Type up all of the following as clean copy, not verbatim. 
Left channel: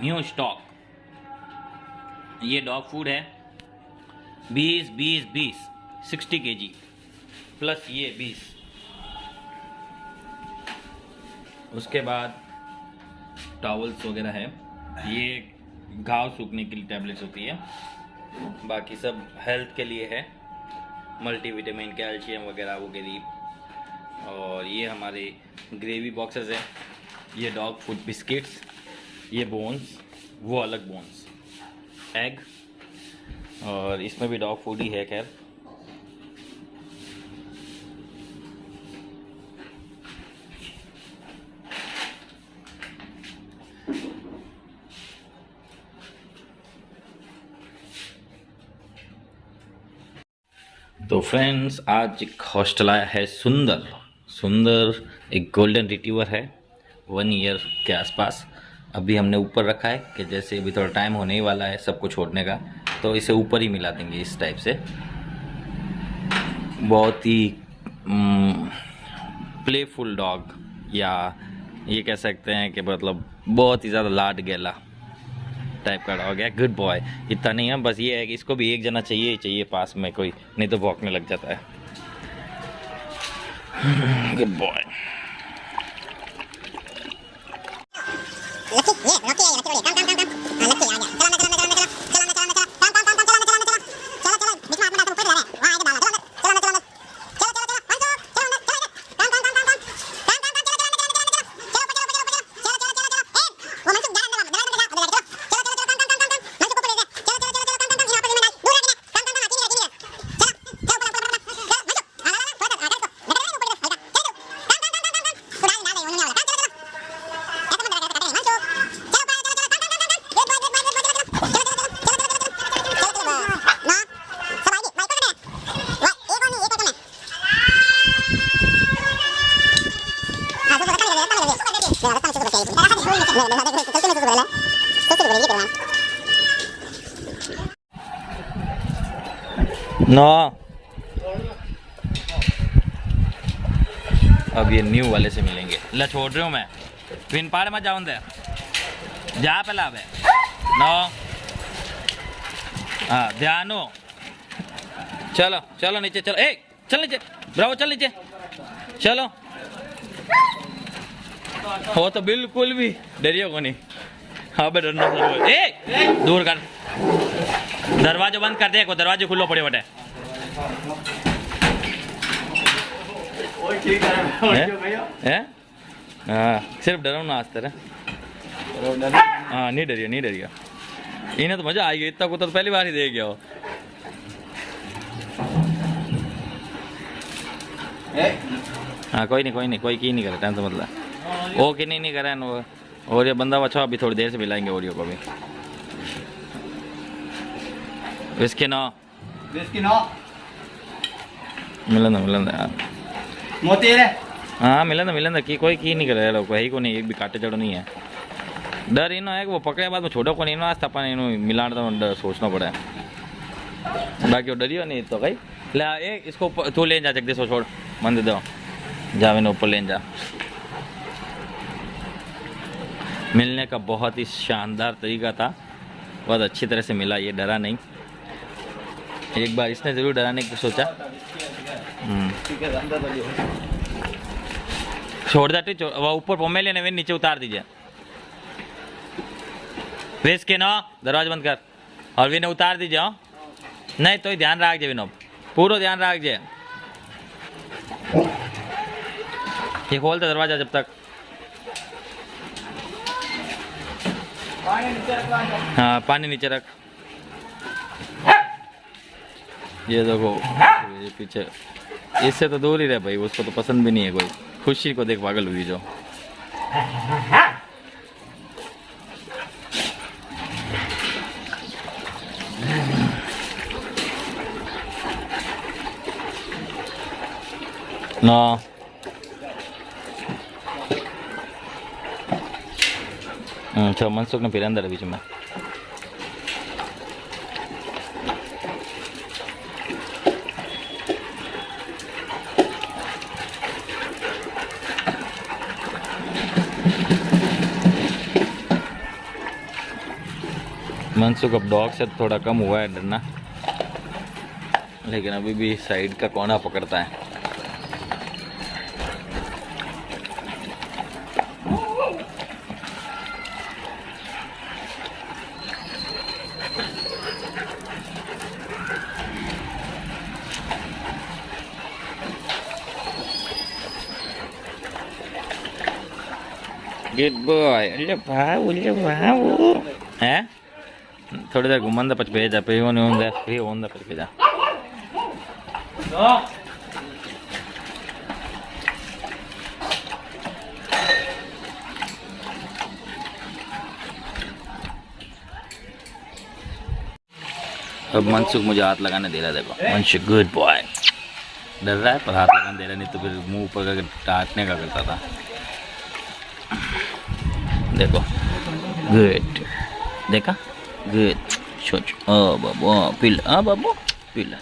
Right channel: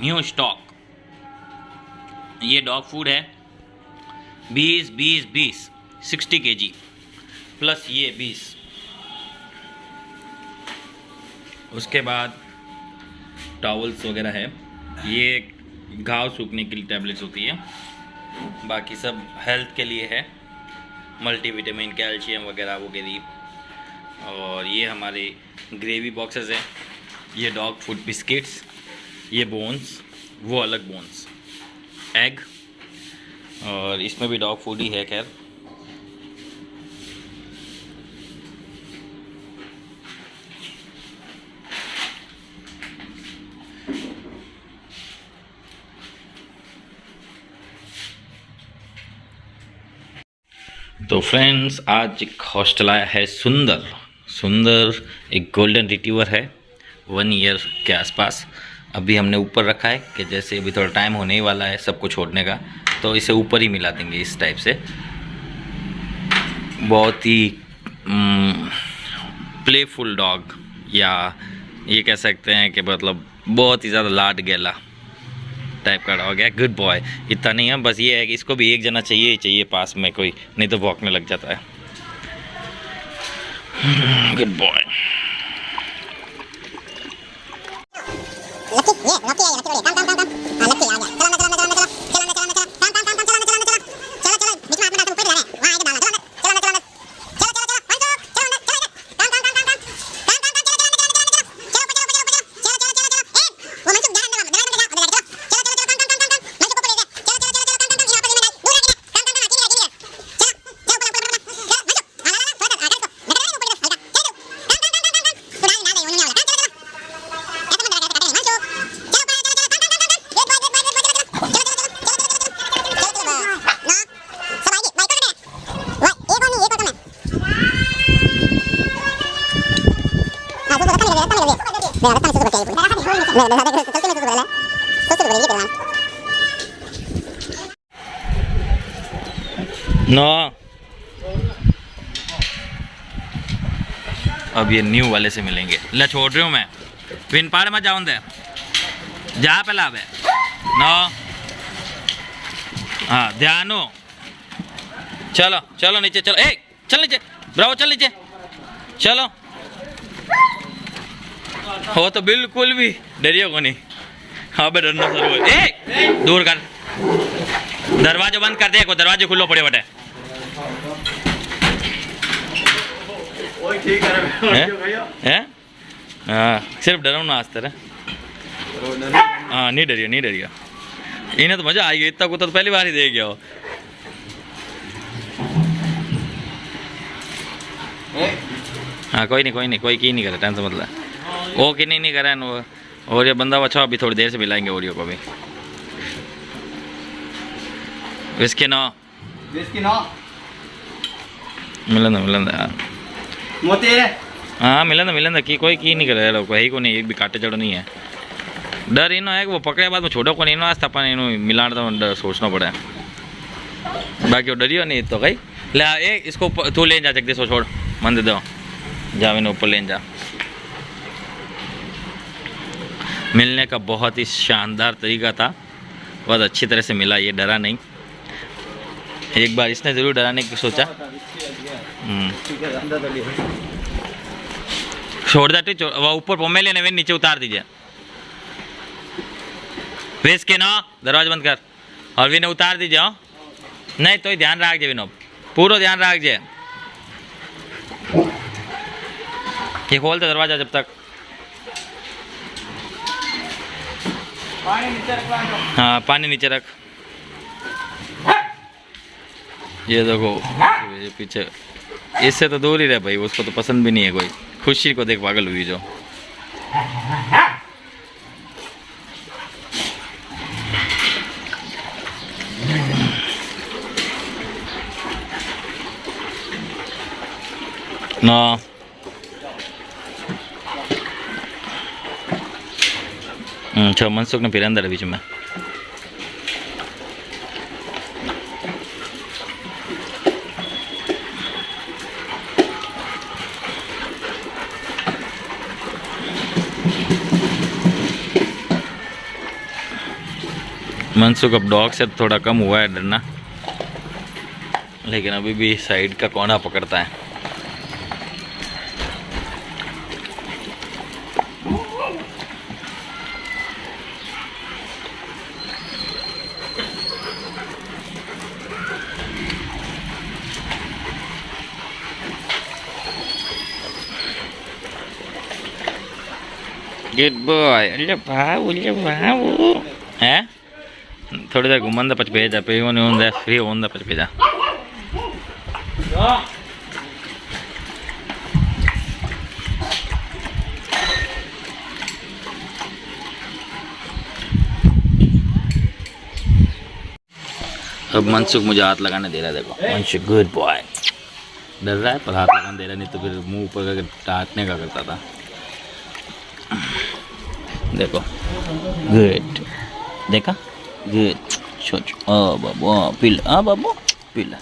New stock. ये dog food है 20 60 kg plus ये 20। उसके बाद टॉवल्स वगैरह है, ये घाव सूखने के लिए टैबलेट्स होती है, बाकी सब हेल्थ के लिए है, मल्टीविटामिन कैल्शियम वगैरह वगैरह। और ये हमारे ग्रेवी बॉक्सेस हैं, ये डॉग फूड बिस्किट्स, ये बोन्स, वो अलग बोन्स, एग, और इसमें भी डॉग फूड ही है। खैर तो फ्रेंड्स, आज एक हॉस्टल आया है सुंदर, एक गोल्डन रिट्रीवर है 1 ईयर के आसपास। अभी हमने ऊपर रखा है कि जैसे अभी थोड़ा टाइम होने ही वाला है सबको छोड़ने का, तो इसे ऊपर ही मिला देंगे इस टाइप से। बहुत ही प्लेफुल डॉग, या ये कह सकते हैं कि मतलब बहुत ही ज़्यादा लाड गैला टाइप का डॉग है। गुड बॉय इतना नहीं है, बस ये है कि इसको भी एक जना चाहिए ही चाहिए पास में कोई, नहीं तो भौंकने लग जाता है। Good boy. नो, अब ये न्यू वाले से मिलेंगे। ले छोड़ रही हूँ मैं, पिन पाड़ मत जाऊँ दे, जा पहला अब नो। हाँ ध्यान हो, चलो चलो नीचे चलो, ए चल नीचे, ब्रावो चल नीचे चलो। हो तो बिल्कुल भी डरियो को नहीं। हाँ बे डरना सर, ए दूर कर, दरवाजा बंद कर दे, को दरवाजे खुलो पड़े बटे। हाँ सिर्फ डरो ना आज तरह। हाँ नहीं डरियो, इन्हें तो मजा आई, इतना कुत्ता तो पहली बार ही देख गया हो। हाँ कोई नहीं, कोई की नहीं करे, टेंशन मतलब वो कि नहीं करे न। और ये बंदा अच्छा अभी थोड़ी देर से मिलाएंगे ओरियो को भी। विस्की नो मिलंदा यार मोती। हाँ मिलंदा की कोई की नहीं करे लोग, ही को नहीं, एक भी काटे चढ़ो नहीं है। डर इनो है कि वो पकड़े बाद में छोड़ो को नहीं नो, आज अपन इनो मिलान तो डर सोचना पड़ा है, बाकी वो डरियो नहीं तो कहीं। ले ए इसको तू ले जा, जगदीश छोड़ मन दे दो, जा मैंने ऊपर ले जा। मिलने का बहुत ही शानदार तरीका था, बहुत अच्छी तरह से मिला, ये डरा नहीं। एक बार इसने ज़रूर डराने की सोचा। छोड़ जाती, वह ऊपर पोमे लेने वे नीचे उतार दीजिए। वेस के ना दरवाजा बंद कर, और विने उतार दीजिए। हाँ नहीं तो ध्यान रख जे विनो, पूरा ध्यान रख जे। ये खोल दे दरवाजा जब तक। पानी नीचे रख। हाँ पानी नीचे रख। ये देखो ये पीछे, इससे तो दूर ही रहे भाई, उसको तो पसंद भी नहीं है कोई। खुशी को देख पागल हुई जो। ना मनसुख ने फिर अंदर है बीच में। मनसुख अब डॉग से थोड़ा कम हुआ है डरना, लेकिन अभी भी साइड का कोना पकड़ता है। Good boy. अरे बाबू है थोड़ी देर घुमंदा पच भेजा पे फ्री होंदा पच भेजा। अब मनसुख मुझे हाथ लगाने दे रहा है, देखो मनसुख गुड बॉय। डर रहा है पर हाथ लगाने दे रहा, नहीं तो फिर मुंह पर टाटने का करता था। देखो गुड, देखा गुड। सोच बाबू पिल्ला, बाबू पिल्ला।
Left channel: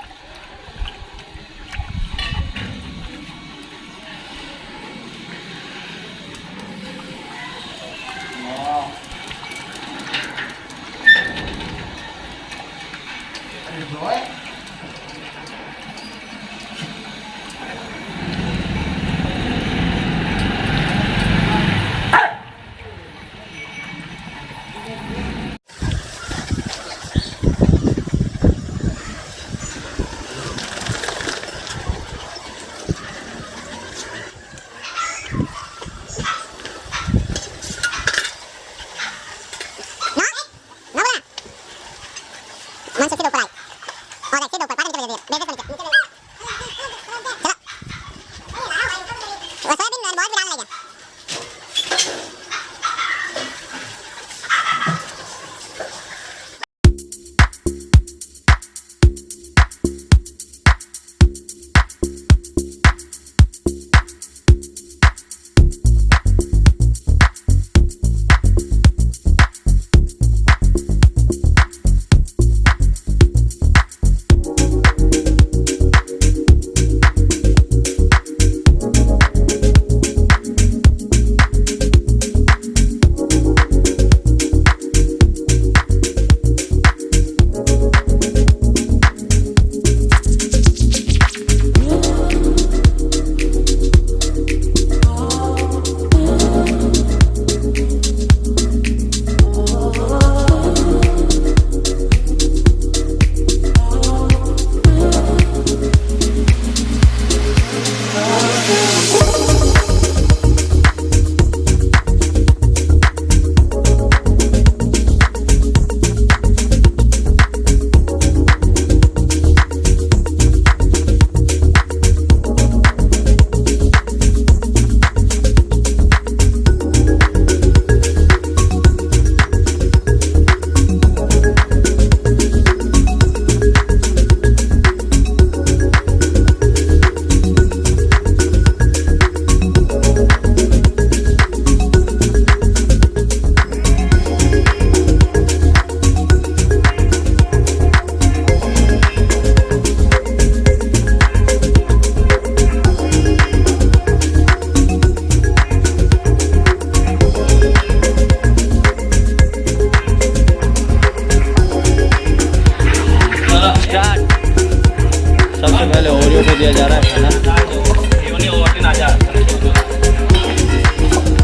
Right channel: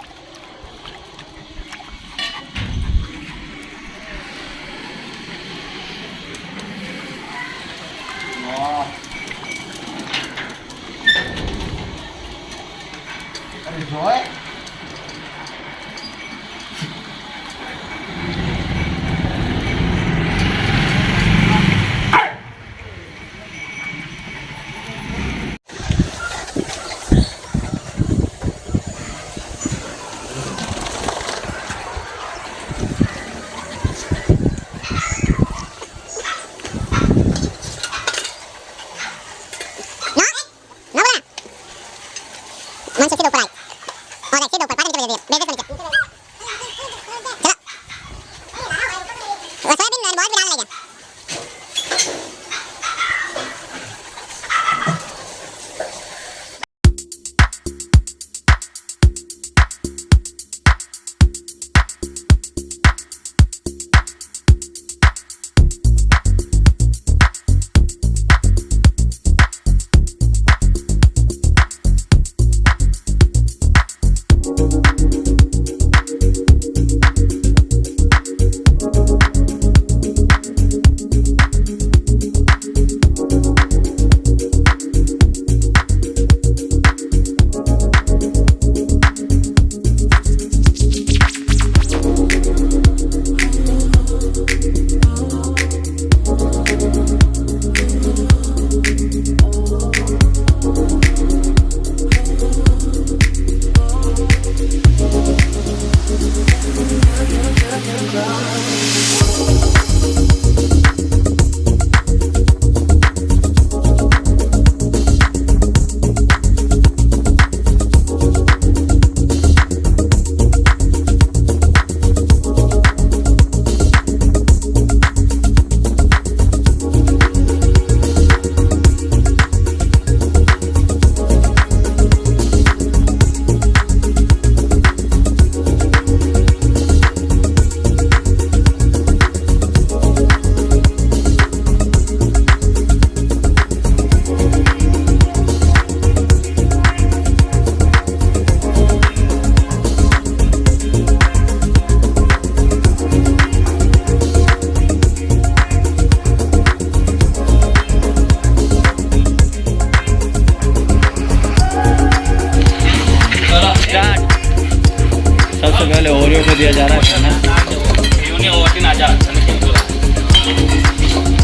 पहले ओरियो को दिया जा रहा है खाना।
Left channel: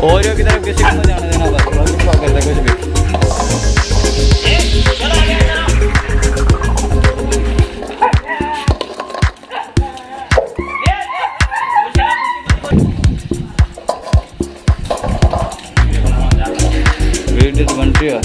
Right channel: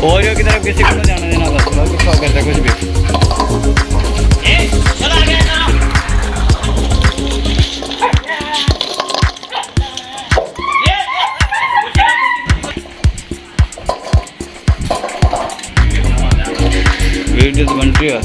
ओरियो की तरफ किसी को जाने देना, बस बाकी क्या करते कुछ भी। वीडियो तो बन रही है।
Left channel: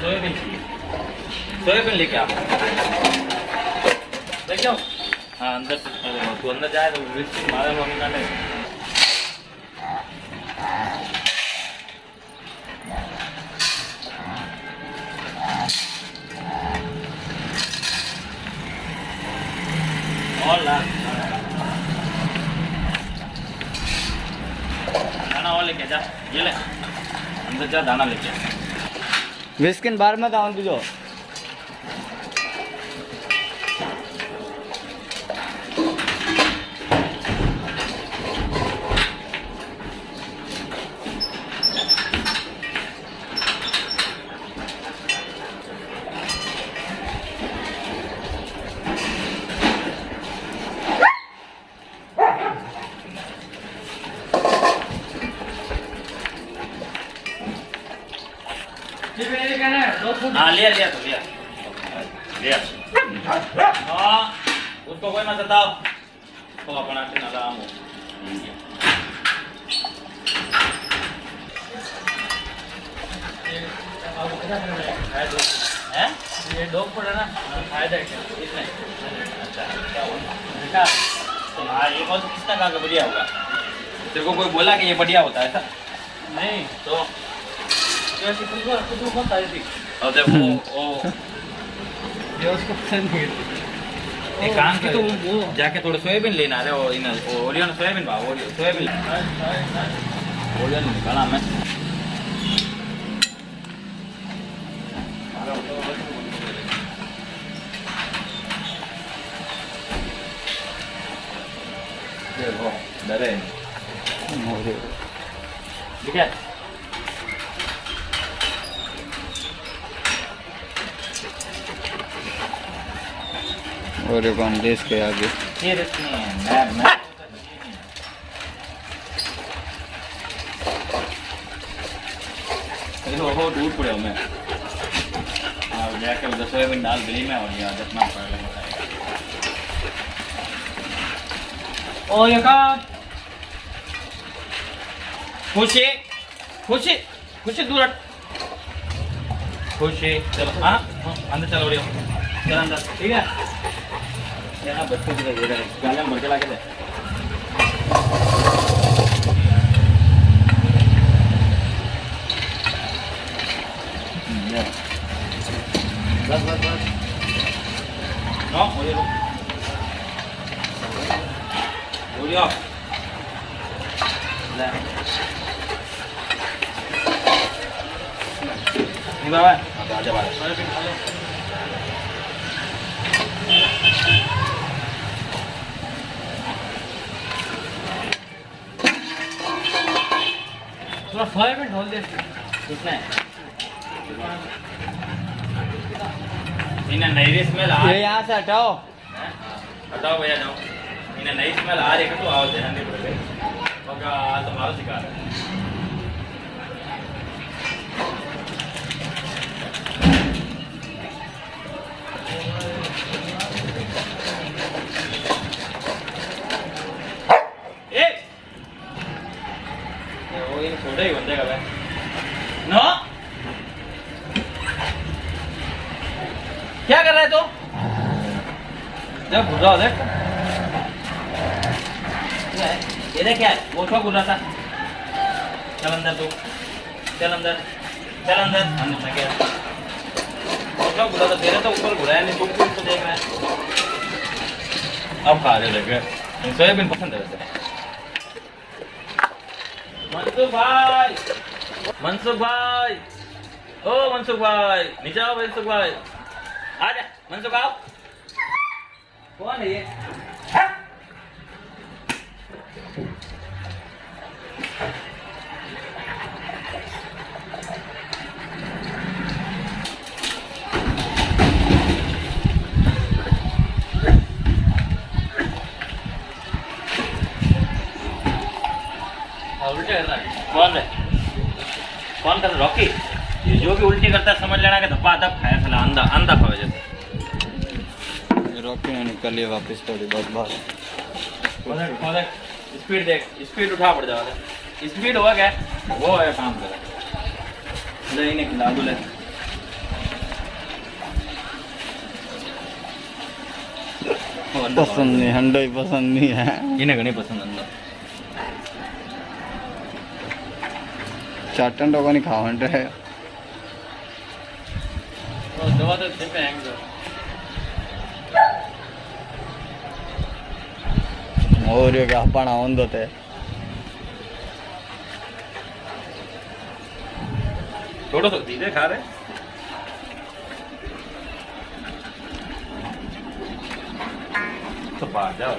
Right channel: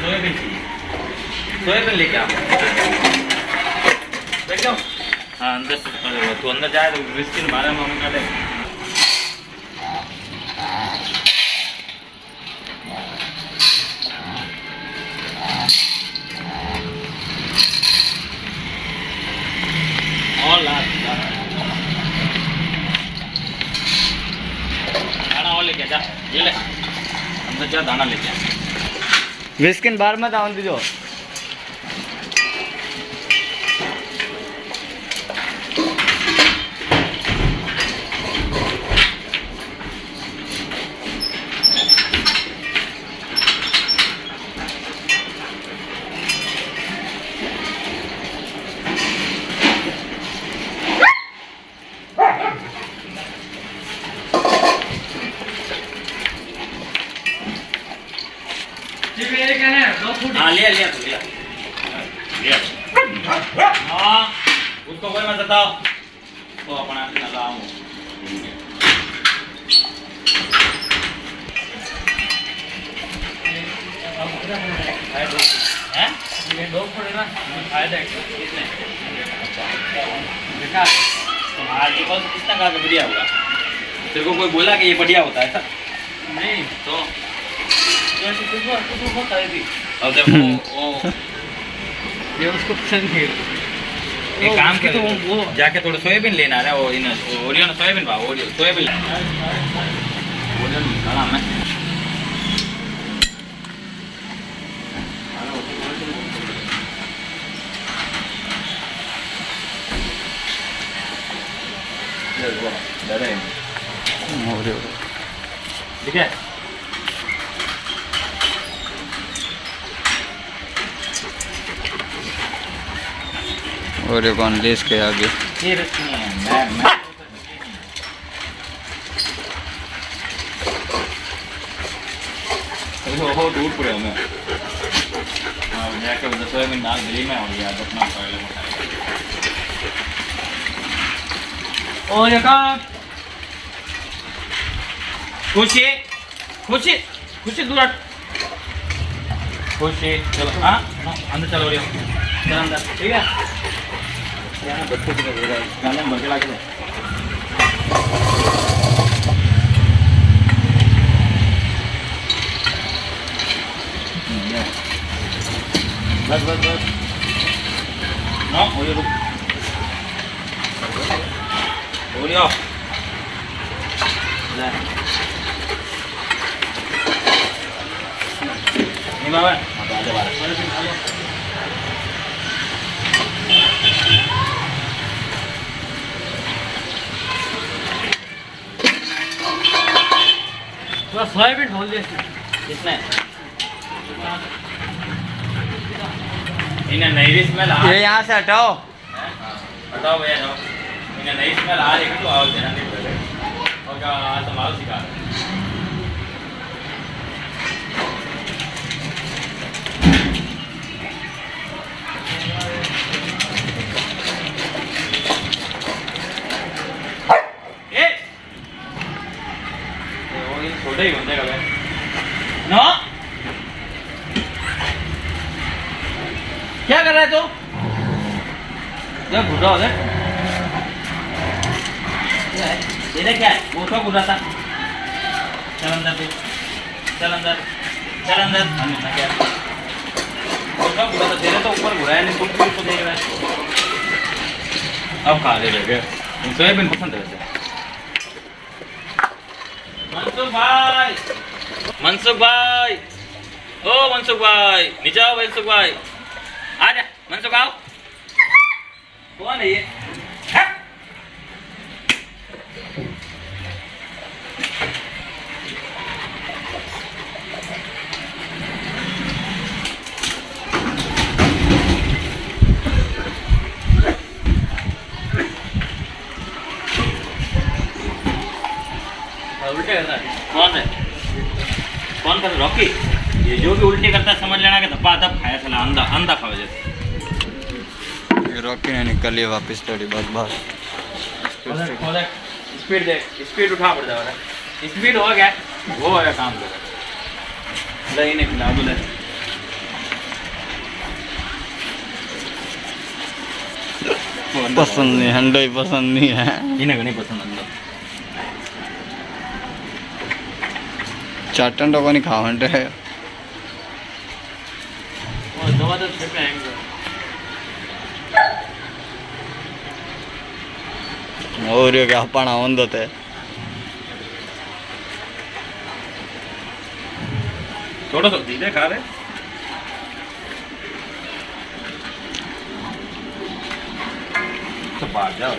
सोयाबीन सोयाबीन लेके आओ, लेके आओ। हाँ अंदर तू अंदर जाए तो बिस्किट मारे मम्मी काटे। और ला दाना और लेके जा, ये ले अंदर जा दाना लेके। बिस्किन बार मत आउन दीजो। हाँ लिया लिया तो लिया लिया। हाँ उसको कोई मत बताओ तो अपना लगाऊँ। हैं ये डॉग फूड है ना, फायदा है इसमें। अच्छा बेटा हाँ ये कौन किसने कहा कि बढ़िया होगा? तेरे को कोई बोला कि ये बढ़िया होता है? नहीं तो कुछ मत आई थी। और देखो ये उसको पसंद है। एक काम कर तो वो जाके थोड़ा सोयाबीन लेना है। वो इन ओरियो सोयाबीन भाव ओरियो सोयाबीन ओरियो निकाला मैं। डरे ठीक है। और ये कौन लेस के आगे नहीं रखनी है मैं हो दूर पड़े मैं। हाँ जाके उधर सोयाबीन डाल गली में और ये अपना पहले बताया। ओ यका खुशी खुशी खुशी दूर खुशी चलो। हाँ अंदर चलो रियो चल अंदर ठीक है। यहाँ बच्चे की दे रहा है गाना भर के लाके दे। बस बस बस ना हो ये हो लिया नहीं बाबा अब आजा बाहर। थोड़ा सोयाबीन ढोल दे किसने इन्हें नई स्मेल आ। ये यहाँ से हटाओ हटाओ भैया जाओ। इन्हें नई स्मेल आ रही है तो आओ ध्यान दे और क्या तुम्हारा सिखा रहे छोटे ही बंदे का नो क्या कर रहा है तू? देख घुट रहा हो देख ये देख क्या है वो क्या घुट रहा था। चल अंदर तू चल अंदर चल अंदर। क्या वो क्या घुरा था तेरे तो ऊपर घुराया नहीं कुछ भी तो देख रहा है। अब खा ले गए सोयाबीन पसंद है वैसे। मनसुख भाई ओ मनसुख भाई नीचे आओ मनसुख भाई आ जा मनसुख आओ। कौन है ये? उल्टे कर रहा है कौन है? कौन कर रॉकी? ये जो भी उल्टी करता है समझ लेना कि धप्पा धप खाया साला अंधा अंधा खाओ जैसे। ये रॉकी ने निकल लिया वापस थोड़ी बहुत बात। स्पीड देख, स्पीड उठा पड़ जाएगा। स्पीड हो गया, वो है काम कर। दही नहीं खिला बोले। पसंद नहीं, हंडो ही पसंद नहीं है। इन्हें नहीं पसंद अंदर। चाटन तो नहीं खाओ हंडे है। और दवा तो छे पे आएंगे। और ये क्या पाना होंदो ते थोड़ा सा धीरे खा रहे। तो बात जाओ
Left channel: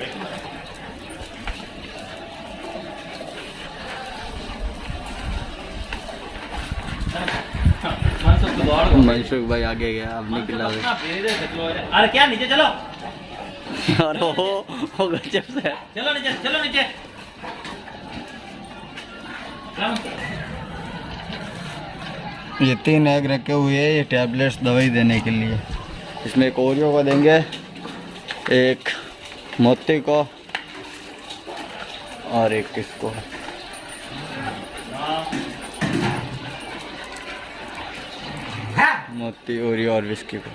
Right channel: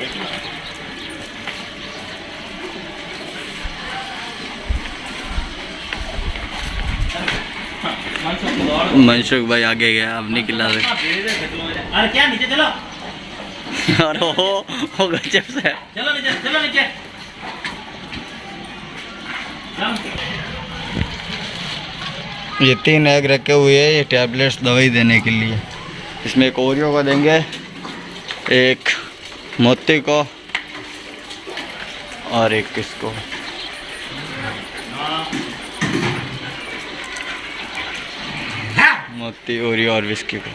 मनसुख भाई आगे गया, अब नहीं खिला रहे। अरे क्या नीचे चलो। और वो गजब से है। चलो नीचे, चलो नीचे। ये 3 एग रखे हुए हैं, ये टैबलेट्स दवाई देने के लिए। इसमें एक ओरियो को देंगे, एक मोती को और एक किसको। मोती, ओरियो और विस्की को।